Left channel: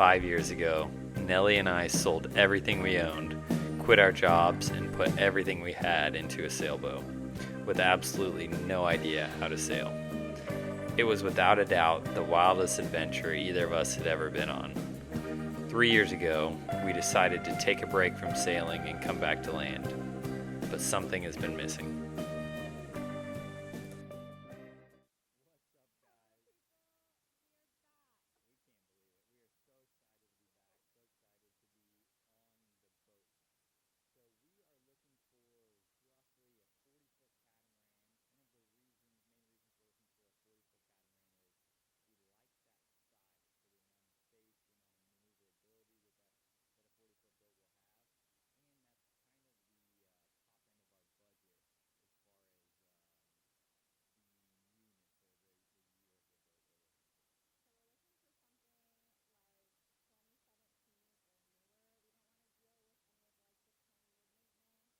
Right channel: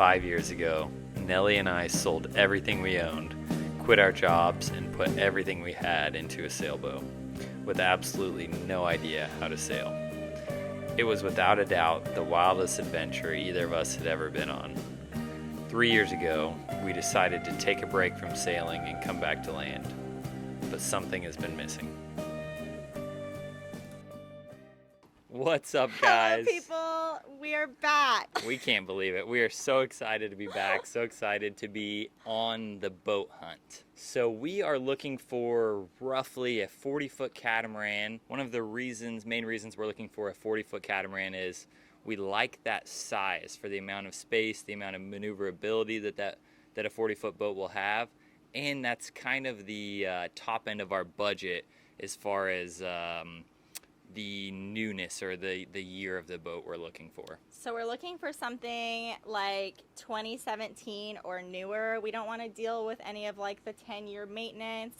5 years ago, Nellie and I sold everything we owned, quit our jobs, and put everything we had into a sailboat, with absolutely no idea how to sail. It was without a doubt the wildest adventure either of us had ever been on. 3 years ago, we decided to take a break from sailing and come back to land, but something has been missing. What's up, guys? Hello, people. We are back. We can't believe it. We are so excited to be back, so excited to be on the boat hunt. So we are looking for roughly a 40-foot catamaran. One of the main reasons we're looking for a 40-foot catamaran is we like that size for the amount of space, the amount of maneuverability that a 40-foot boat will have, and that's kind of the top end of our budget as far as the newness or the year of the boat we're looking for. So we're looking for something like 2017 or newer. We don't want to deal with any of like the 10-year maintenance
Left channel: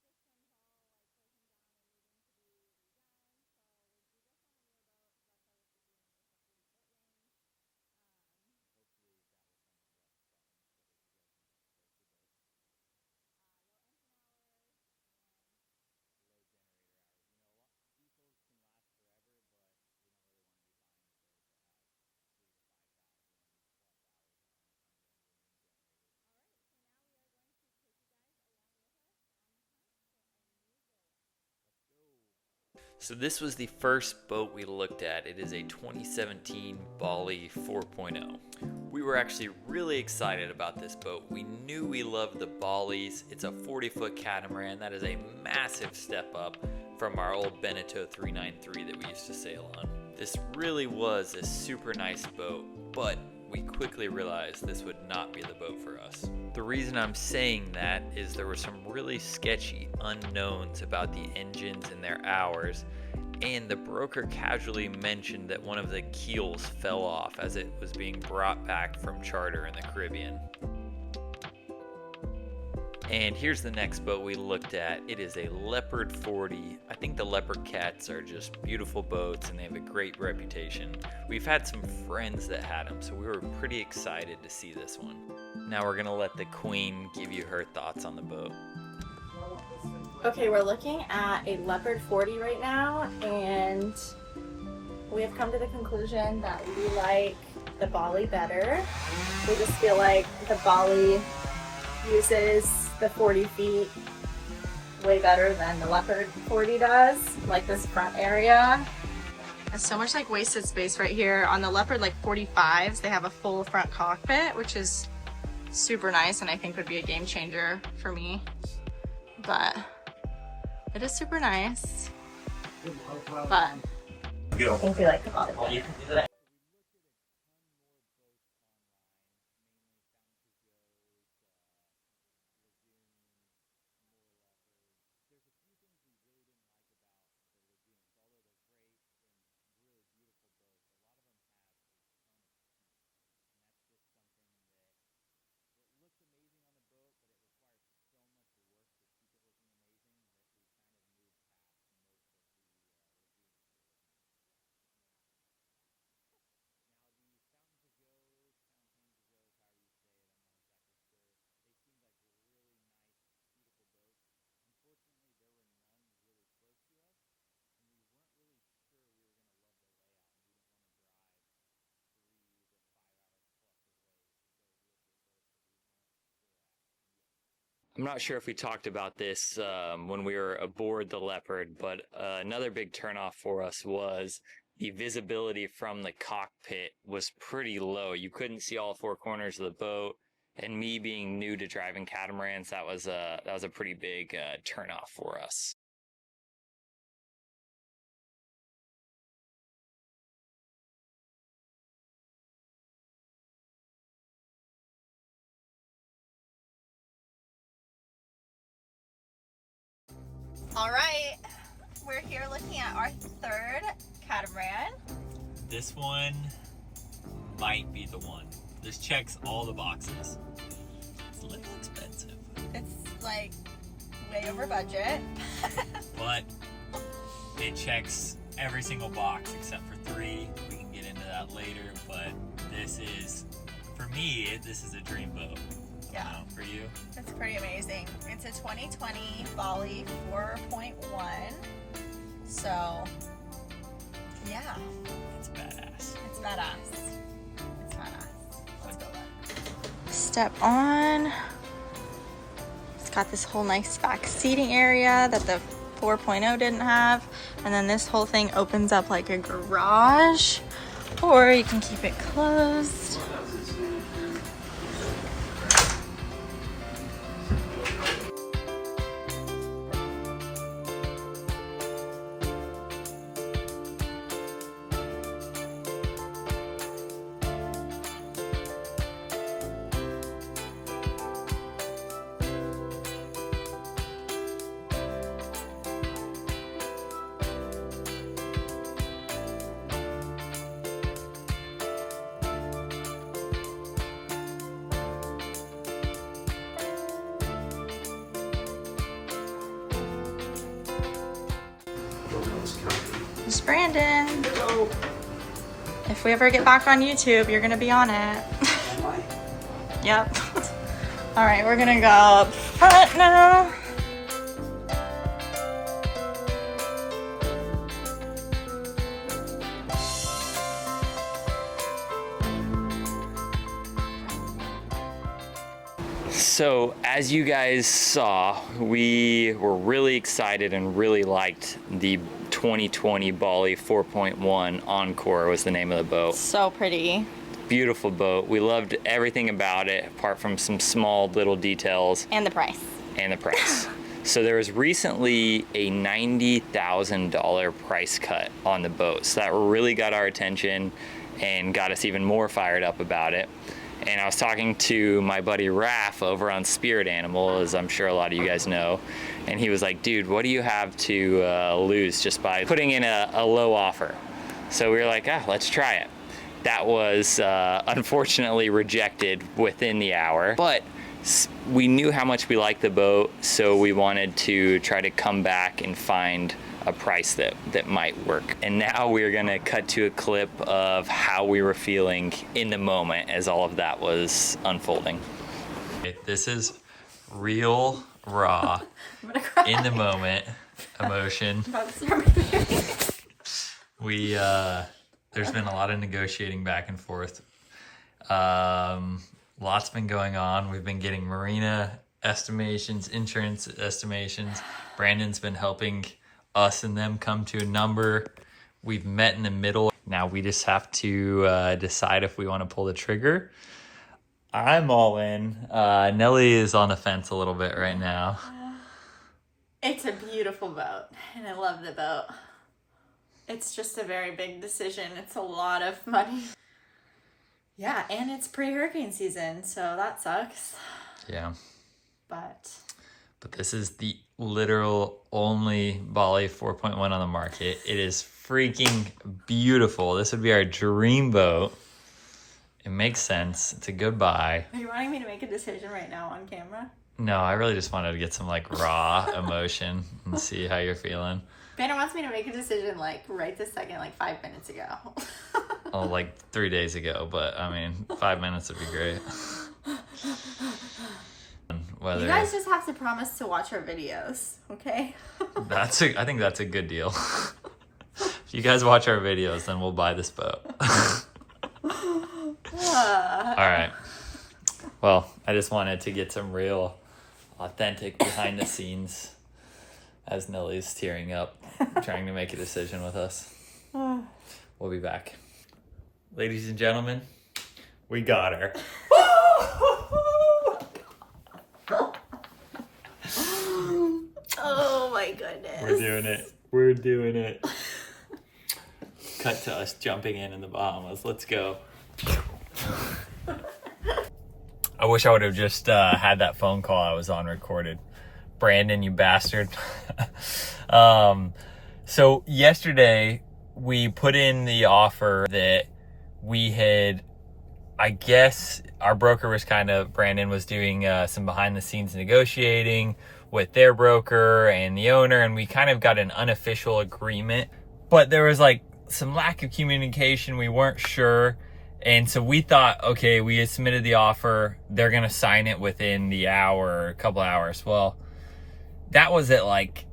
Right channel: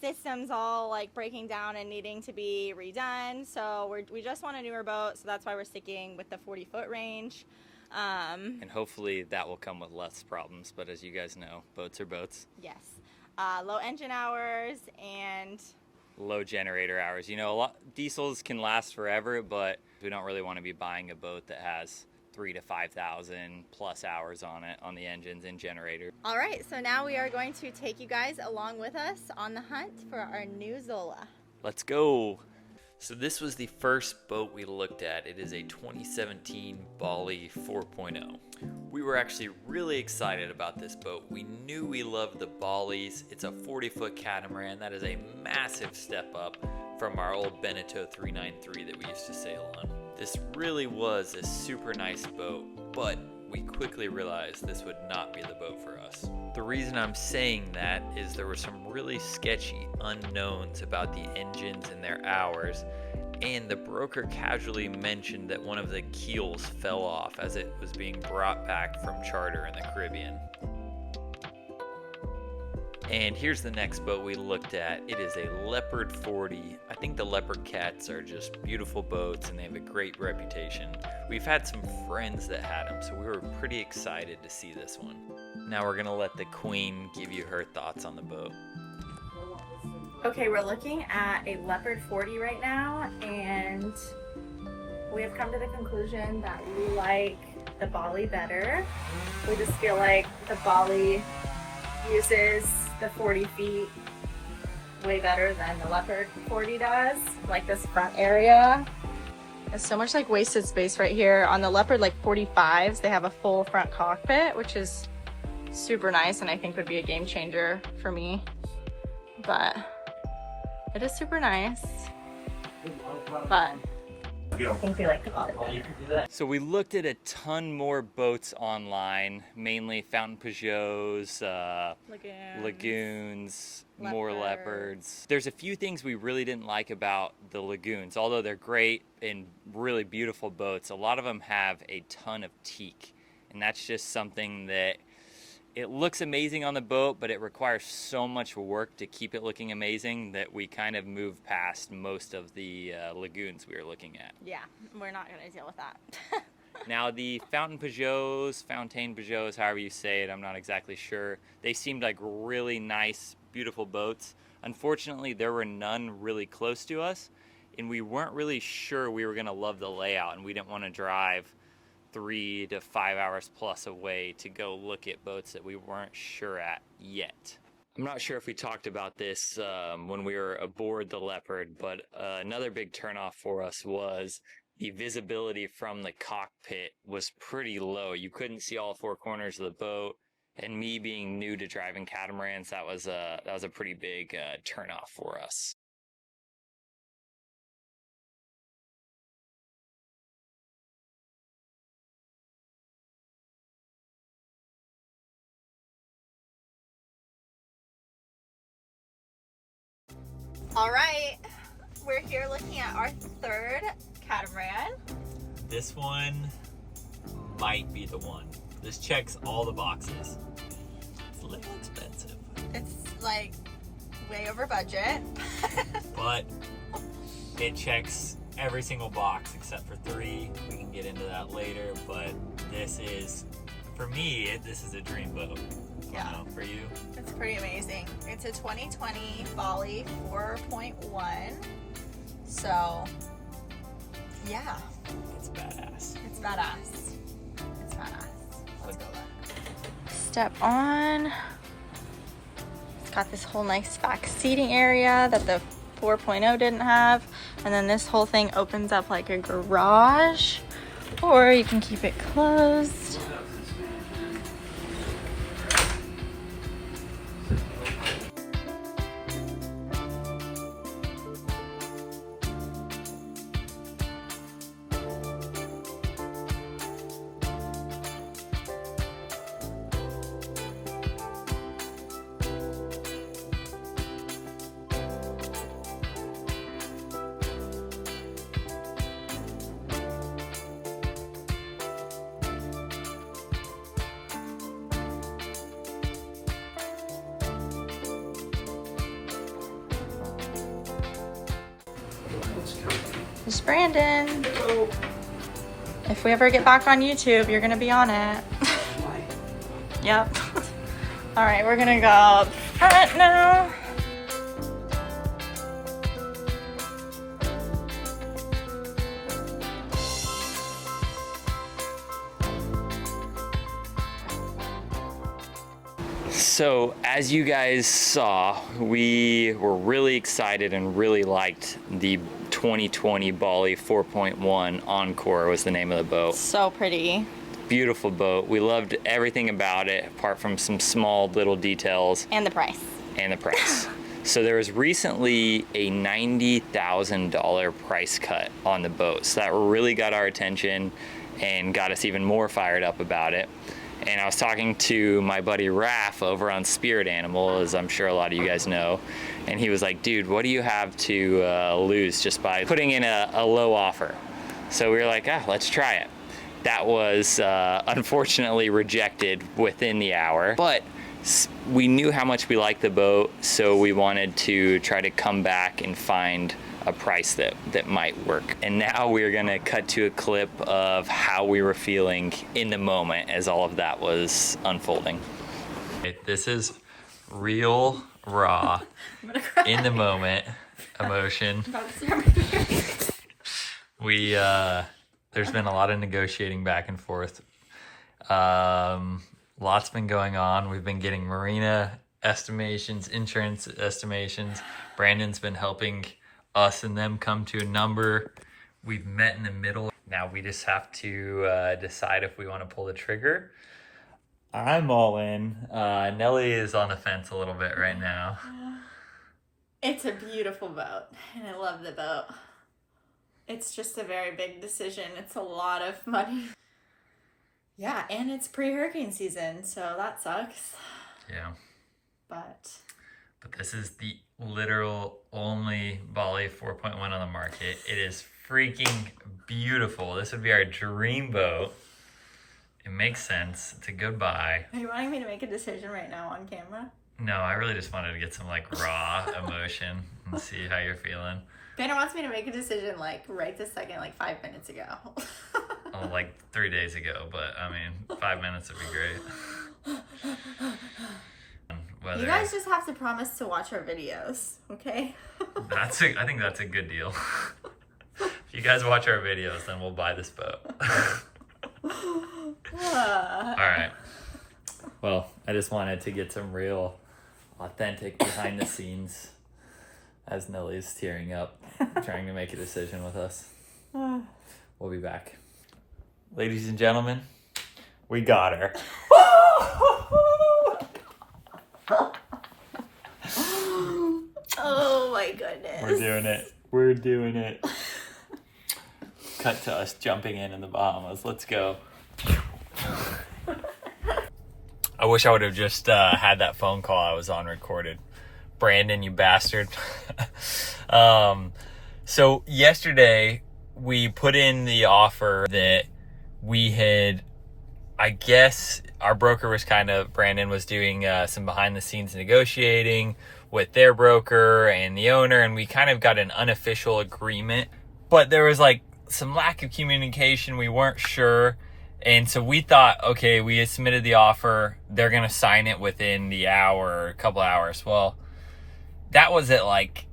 systems all like breaking down and needing to be redone. So we just want a newer boat, so that's why we're sticking with the 40-foot range. And hopefully that will come with less problems, but as you guys know, boats are boats. Yes. Low engine hours and low generator hours. You know, diesels can last forever, but we don't really want to be buying a boat that has 3,000 to 5,000 plus hours on it, on the engines and generator. All right, so now we are going to take you guys along with us on the hunt for our new Zola. Let's go. So this was the first boat we looked at. It is a 2017 Bali 4.0. We were actually really excited about this boat. We knew we loved the Balis. It's a 40-foot catamaran. That is a massive step up from our old Beneteau 393 that we used to sail on. This really was a super nice boat, but we quickly realized this would not be the boat for us. The reason I'm saying that is there were some really sketchy unknowns about the engines and their hours, and the broker casually mentioned that one of the keels fell off as it was being brought back from charter in the Caribbean. And here's the next boat we looked at. It is a Leopard 40. I think the Leopard cats are just beautiful boats and they have a great reputation. We've had some friends that had them, so we were pretty excited to see this one. Now we're gonna let the queen give you her thoughts on the boat. Okay, we're looking at a Leopard 40 right now, and we have come to the conclusion that we like the Bali better. We just feel like the Bali uses the 40 feet way better than the Leopard 40 does. Like this front area. There's so much like wasted space right here. On the Leopard like 45s, they have a full front cockpit, which is super nice and I think would be a game changer for me. But it is super nice. But I think we like the Bali better. So we looked at a ton more boats online, mainly Fountaine Pajots, Lagoons, more Leopards. There's a few things we really didn't like about the Lagoons. Although they're great and really beautiful boats, a lot of them have a ton of teak. And that's just something that it looks amazing on the boat, but it requires so much work to keep it looking amazing that we kind of moved past most of the Lagoons we were looking at. Yeah, we're not going to deal with that. Now the Fountaine Pajots, however you say it, I'm not exactly sure. They seemed like really nice, beautiful boats. Unfortunately, there were none really close to us, and we weren't really sure we were going to love the layout, and we didn't want to drive 3 to 5 hours plus away to go look at boats that we weren't sure at yet. I'm not sure if we talked about this when we were aboard the Leopard, but another big turnoff for us was the visibility from the cockpit was pretty low. You couldn't see all 4 corners of the boat, and me being new to driving catamarans, that was a pretty big turnoff for us. All right, we're here looking at our third catamaran. This one might be the one. This checks all the boxes. It's a little expensive. It's like way over budget. But it checks every single box except for 3. We can get into that later, but this is for me, this is a dream boat. Yeah. For you? It's pretty amazing. It's a 2020 Bali 4.1. So, yeah. It's badass. It's badass. It's badass. Let's go back. Step on. It's got this whole nice back seating area that the 4.0 didn't have. And then this whole thing opens up like a garage, or you can keep it closed. It's Brandon. Hello. If we ever get back on YouTube, you're gonna be on it. Yep. All right, we're gonna go up front now. So as you guys saw, we were really excited and really liked the 2020 Bali 4.1 Encore was the name of the boat. So pretty. Beautiful boat. We loved everything about it apart from some small little details. And the price. And the price. So there was recently a $90,000 price cut on the boat. So that really got our attention and got us even more fired up about it. And I was talking to my buddy Raph over on Spirit Animal, as I'm sure a lot of you guys know. And he was like, dude, what do you have to lose just by putting in a low offer? So we were like, let's try it. That was unfortunately rejected within the hour, but we knew how much we liked the boat, so we wanted to try to come back and find a price that might work. And now we're gonna cut to a clip of how we were feeling in the moment as all of that was unfolding. This is real, raw, in the moment emotion. There's been a lot of negotiating back and forth. Lots been going on. We've been getting marina estimations, insurance estimations. Brandon's been helping us and them come to a number. We've met in the middle. Now we just have to decide if we want to pull the trigger. I'm all in. Nelly is on the fence a little bit right now. It's a beautiful boat, and I love the boat. It's just a very big decision. It's a lot of money. Yeah, and it's pre-hurricane season, so that sucks. Yeah. But this is the literal only Bali 4.1 on the market. It is freaking beautiful. This would be our dream boat. It makes sense. It's a good buy. Are you wanting me to make a decision right now on camera? No, I really just wanted to get some like raw emotion and see how you're feeling. Banner wants me to make a decision like right this second, like 5 minutes ago. Oh, like 3 days ago, but I mean, 5 minutes would be great. You guys just have to promise to watch our videos, okay? I think that's a good deal. If you guys watch our videos, then we'll buy this boat. All right. Well, I just wanted to get some real, authentic behind the scenes as Nelly's tearing up, trying to make a decision with us. We'll be back. Ladies and gentlemen, we got her. Oh my goodness. We're doing it. We're doing it. Cut to us jumping in the Bahamas. Let's go. I wish I would have just had that phone call I was on recorded. Brandon, you bastard. So yesterday we put in the offer that we had, I guess our broker was Brandon was doing some behind the scenes negotiating with their broker and the owner, and we kind of got an unofficial agreement, but there was like some lack of communication. We weren't sure And so we thought, okay, we had submitted the offer. They're going to sign it within the hour, a couple hours. Well, that was at like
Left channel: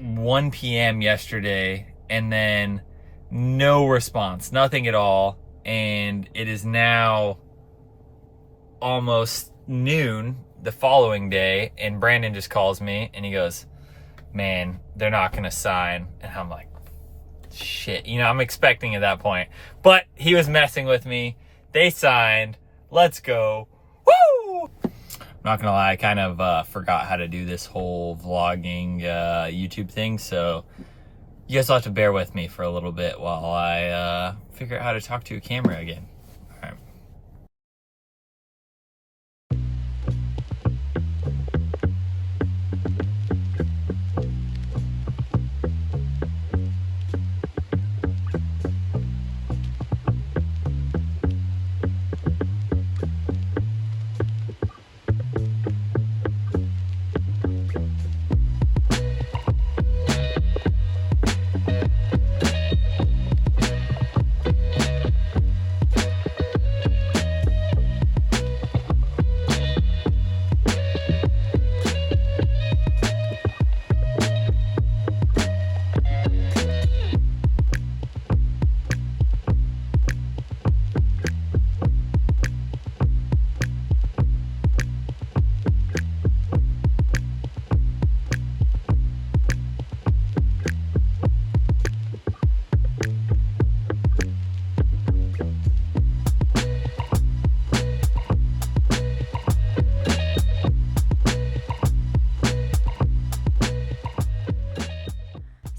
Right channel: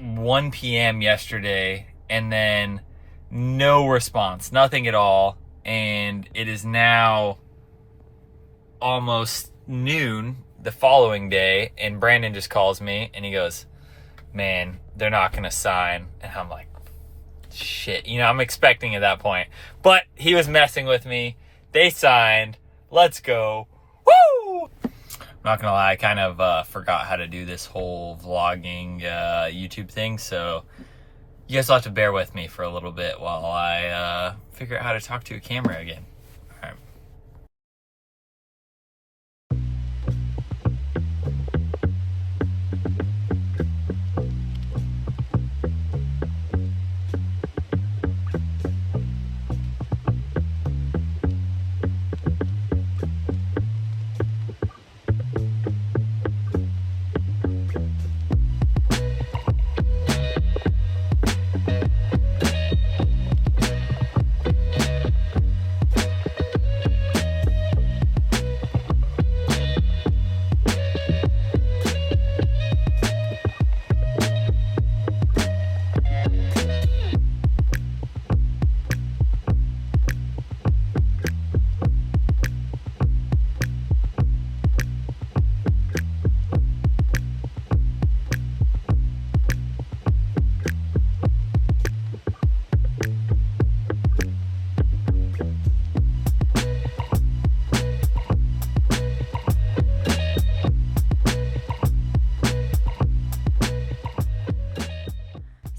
1 p.m. yesterday, and then no response, nothing at all. And it is now almost noon the following day, and Brandon just calls me and he goes, man, they're not going to sign. And I'm like, shit, you know, I'm expecting at that point. But he was messing with me. They signed. Let's go. Woo! I'm not gonna lie, I kind of forgot how to do this whole vlogging YouTube thing, so you guys will have to bear with me for a little bit while I figure out how to talk to a camera again. All right.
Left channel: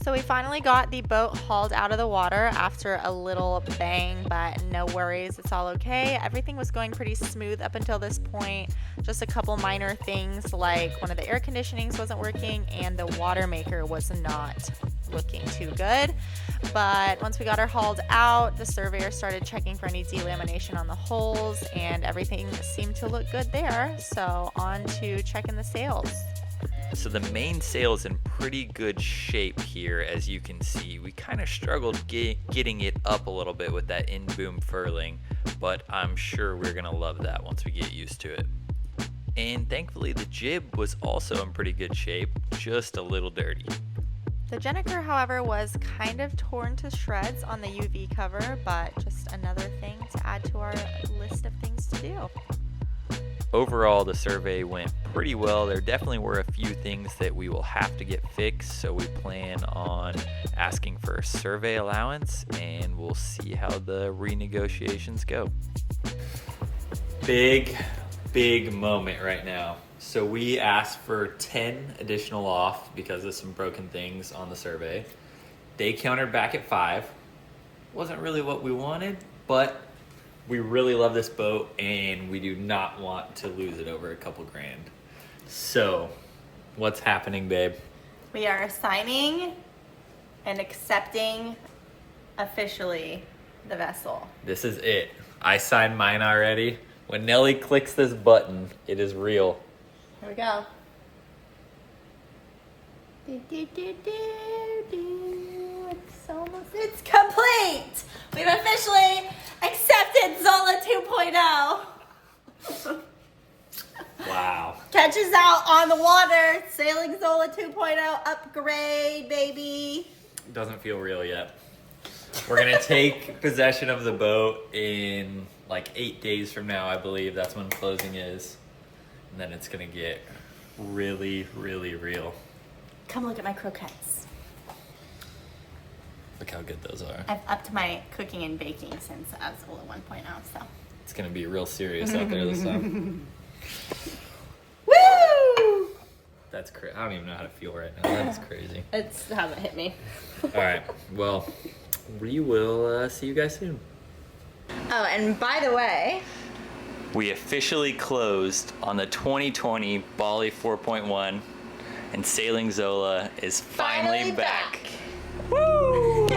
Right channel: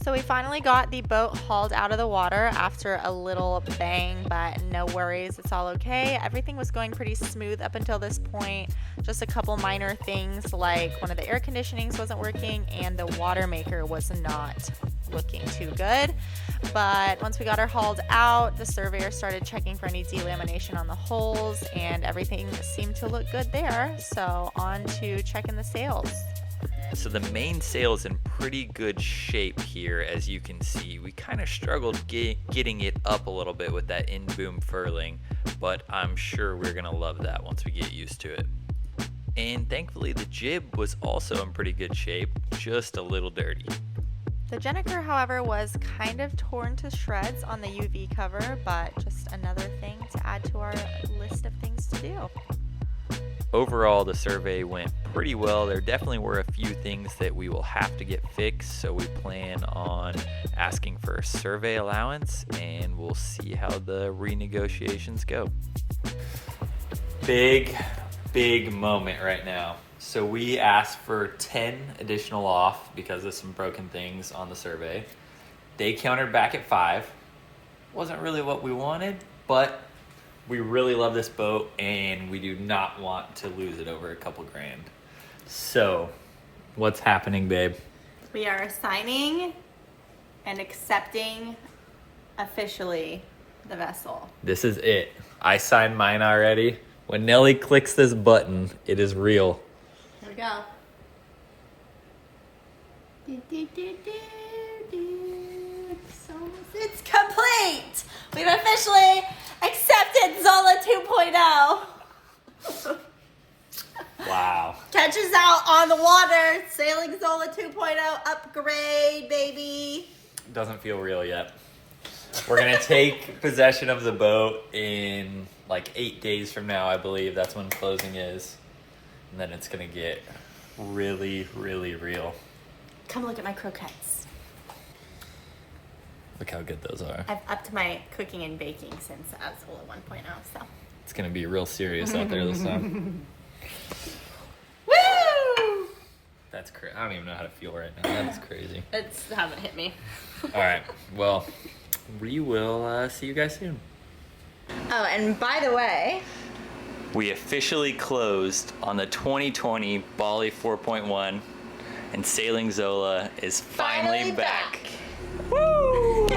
So we finally got the boat hauled out of the water after a little bang, but no worries, it's all okay. Everything was going pretty smooth up until this point. Just a couple minor things like one of the air conditionings wasn't working and the water maker was not looking too good. But once we got her hauled out, the surveyor started checking for any delamination on the holes and everything seemed to look good there. So on to checking the sails. So the main sail is in pretty good shape here, as you can see. We kind of struggled getting it up a little bit with that in-boom furling, but I'm sure we're gonna love that once we get used to it. And thankfully the jib was also in pretty good shape, just a little dirty. The Jennifer, however, was kind of torn to shreds on the UV cover, but just another thing to add to our list of things to do. Overall, the survey went pretty well. There definitely were a few things that we will have to get fixed, so we plan on asking for a survey allowance, and we'll see how the renegotiations go. Big moment right now. So we asked for 10 additional off because of some broken things on the survey. They countered back at 5. Wasn't really what we wanted, but we really love this boat and we do not want to lose it over a couple grand. So, what's happening, babe? We are signing and accepting officially the vessel. This is it. I signed mine already. When Nelly clicks this button, it is real. Here we go. It's complete! We've officially accepted Zola 2.0. Wow. Catch us out on the water. Sailing Zola 2.0 upgrade, baby. Doesn't feel real yet. We're gonna take possession of the boat in like 8 days from now, I believe. That's when closing is. And then it's gonna get really, really real. Come look at my croquettes. Look how good those are. I've upped my cooking and baking since Zola 1.0, so. It's gonna be real serious out there this time. Woo! That's crazy. I don't even know how to feel right now. That is crazy. It hasn't hit me. All right. Well, we will see you guys soon. Oh, and by the way, we officially closed on the 2020 Bali 4.1, and Sailing Zola is finally back. Woo!